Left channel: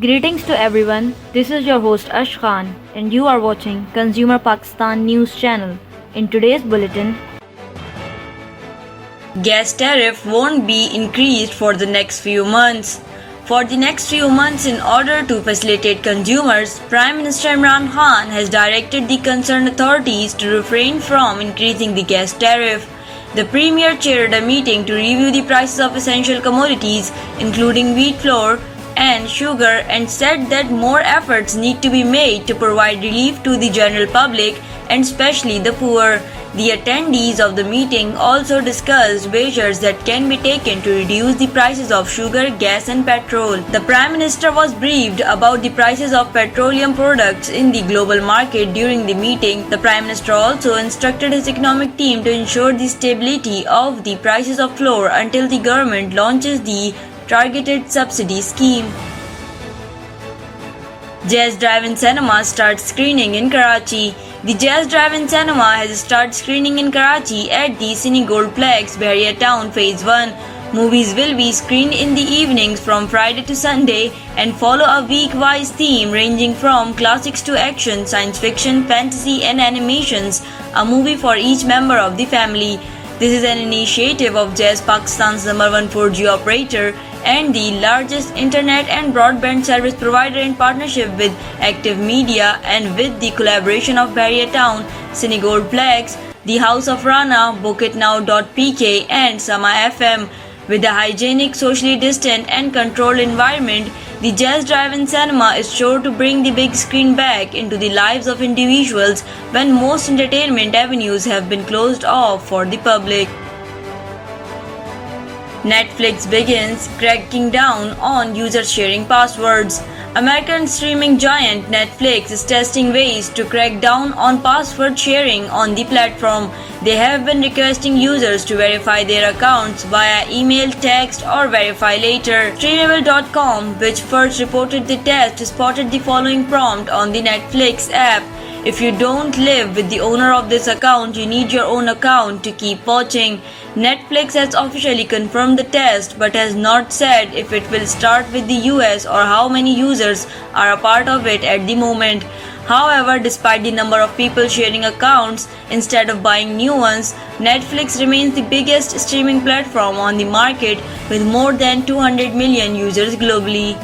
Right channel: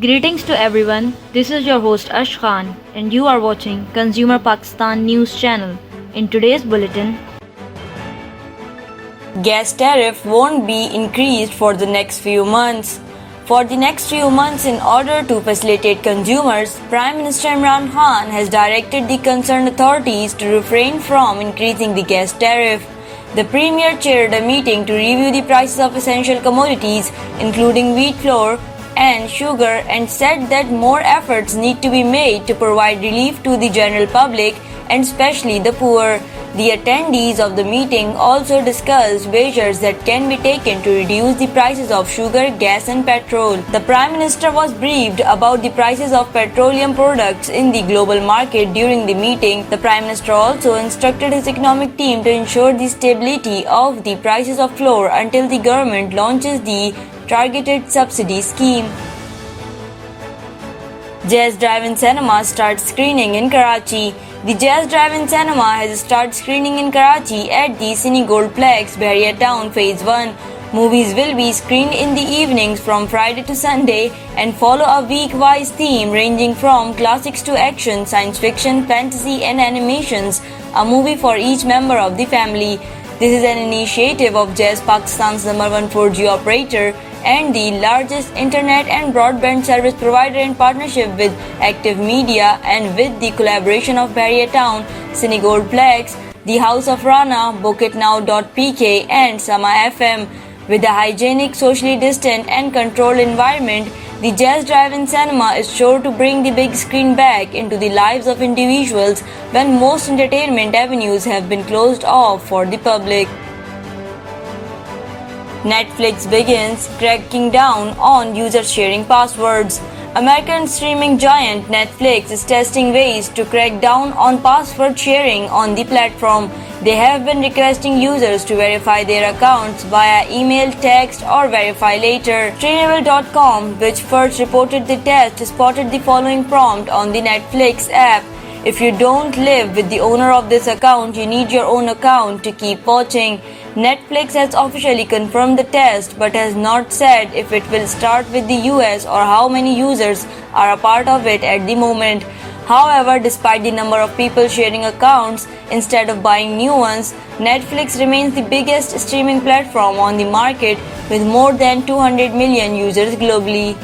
Greetings to everyone. This is your host Ash Khan, and you are watching Consumer Pakistan News Channel. In today's bulletin, gas tariff won't be increased for the next few months. For the next few months, in order to facilitate consumers, Prime Minister Imran Khan has directed the concerned authorities to refrain from increasing the gas tariff. The Premier chaired a meeting to review the prices of essential commodities, including wheat flour and sugar, and said that more efforts need to be made to provide relief to the general public and especially the poor. The attendees of the meeting also discussed measures that can be taken to reduce the prices of sugar, gas and petrol. The Prime Minister was briefed about the prices of petroleum products in the global market during the meeting. The Prime Minister also instructed his economic team to ensure the stability of the prices of flour until the government launches the targeted subsidy scheme. Jazz Drive-In Cinema starts screening in Karachi. The Jazz Drive-In Cinema has started screening in Karachi at the Cine Goldplex, Bahria Town Phase 1. Movies will be screened in the evenings from Friday to Sunday and follow a week-wise theme ranging from classics to action, science fiction, fantasy and animations, a movie for each member of the family. This is an initiative of Jazz Pakistan's #1 4G operator and the largest internet and broadband service provider in partnership with Active Media and with the collaboration of Bahria Town, Cine Goldplex, the House of Rana, BookitNow.pk and Sama FM. With a hygienic, socially distant and controlled environment, the Jazz Drive-In Cinema is sure to bring the big screen back into the lives of individuals when most entertainment avenues have been closed off for the public. Netflix begins cracking down on users sharing passwords. American streaming giant Netflix is testing ways to crack down on password sharing on the platform. They have been requesting users to verify their accounts via email, text, or verify later. Streamable.com, which first reported the test, spotted the following prompt on the Netflix app. If you don't live with the owner of this account, you need your own account to keep watching. Netflix has officially confirmed the test but has not said if it will start with the US or how many users are a part of it at the moment. However, despite the number of people sharing accounts instead of buying new ones, Netflix remains the biggest streaming platform on the market with more than 200 million users globally.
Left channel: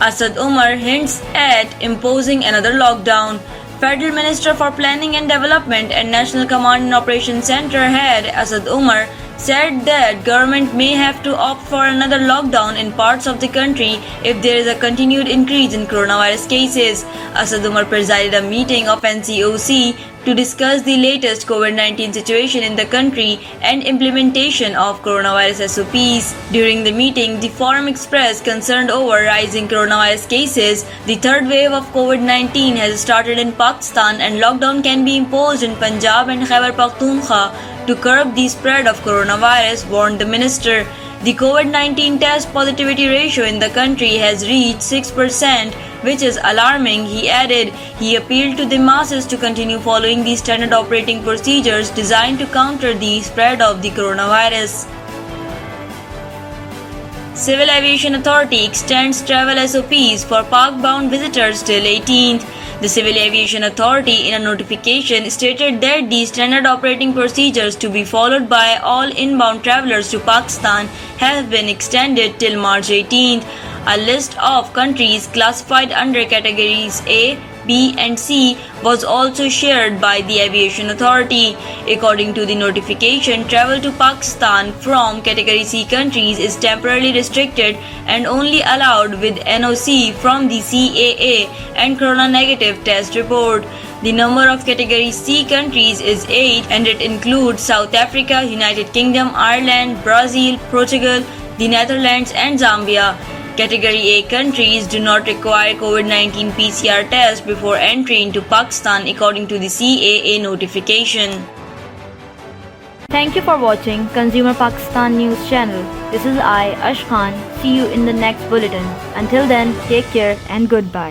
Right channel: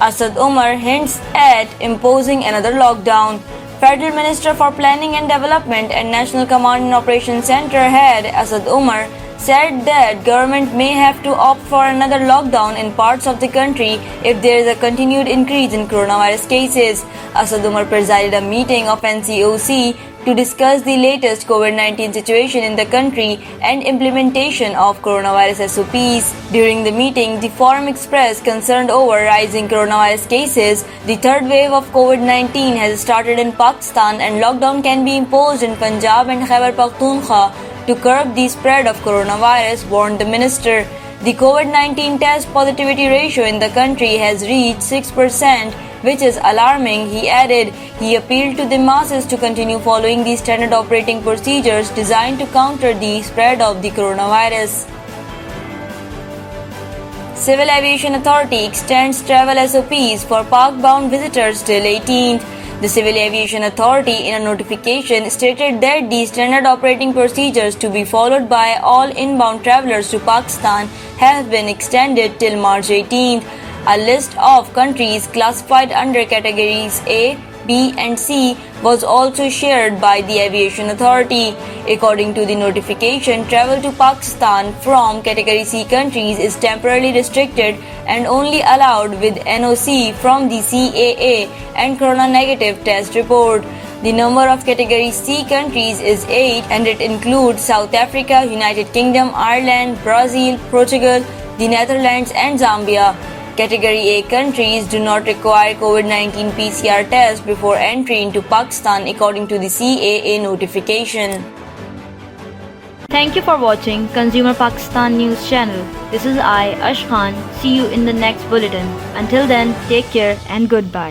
Asad Umar hints at imposing another lockdown. Federal Minister for Planning and Development and National Command and Operations Center head Asad Umar said that government may have to opt for another lockdown in parts of the country if there is a continued increase in coronavirus cases. Asad Umar presided a meeting of NCOC to discuss the latest COVID-19 situation in the country and implementation of coronavirus SOPs. During the meeting, the forum expressed concern over rising coronavirus cases. The third wave of COVID-19 has started in Pakistan and lockdown can be imposed in Punjab and Khyber Pakhtunkhwa to curb the spread of coronavirus, warned the minister. The COVID-19 test positivity ratio in the country has reached 6%, which is alarming, he added. He appealed to the masses to continue following the standard operating procedures designed to counter the spread of the coronavirus. Civil Aviation Authority extends travel SOPs for park-bound visitors till 18th. The Civil Aviation Authority, in a notification, stated that the standard operating procedures to be followed by all inbound travelers to Pakistan have been extended till March 18th. A list of countries classified under categories A, B and C was also shared by the Aviation Authority. According to the notification, travel to Pakistan from category C countries is temporarily restricted and only allowed with NOC from the CAA and corona negative test report. The number of category C countries is 8 and it includes South Africa, United Kingdom, Ireland, Brazil, Portugal, the Netherlands and Zambia. Category A countries do not require COVID-19 PCR test before entry into Pakistan according to the CAA notification. Thank you for watching Consumer Pakistan News Channel. This is I, Ash Khan. See you in the next bulletin. Until then, take care and goodbye.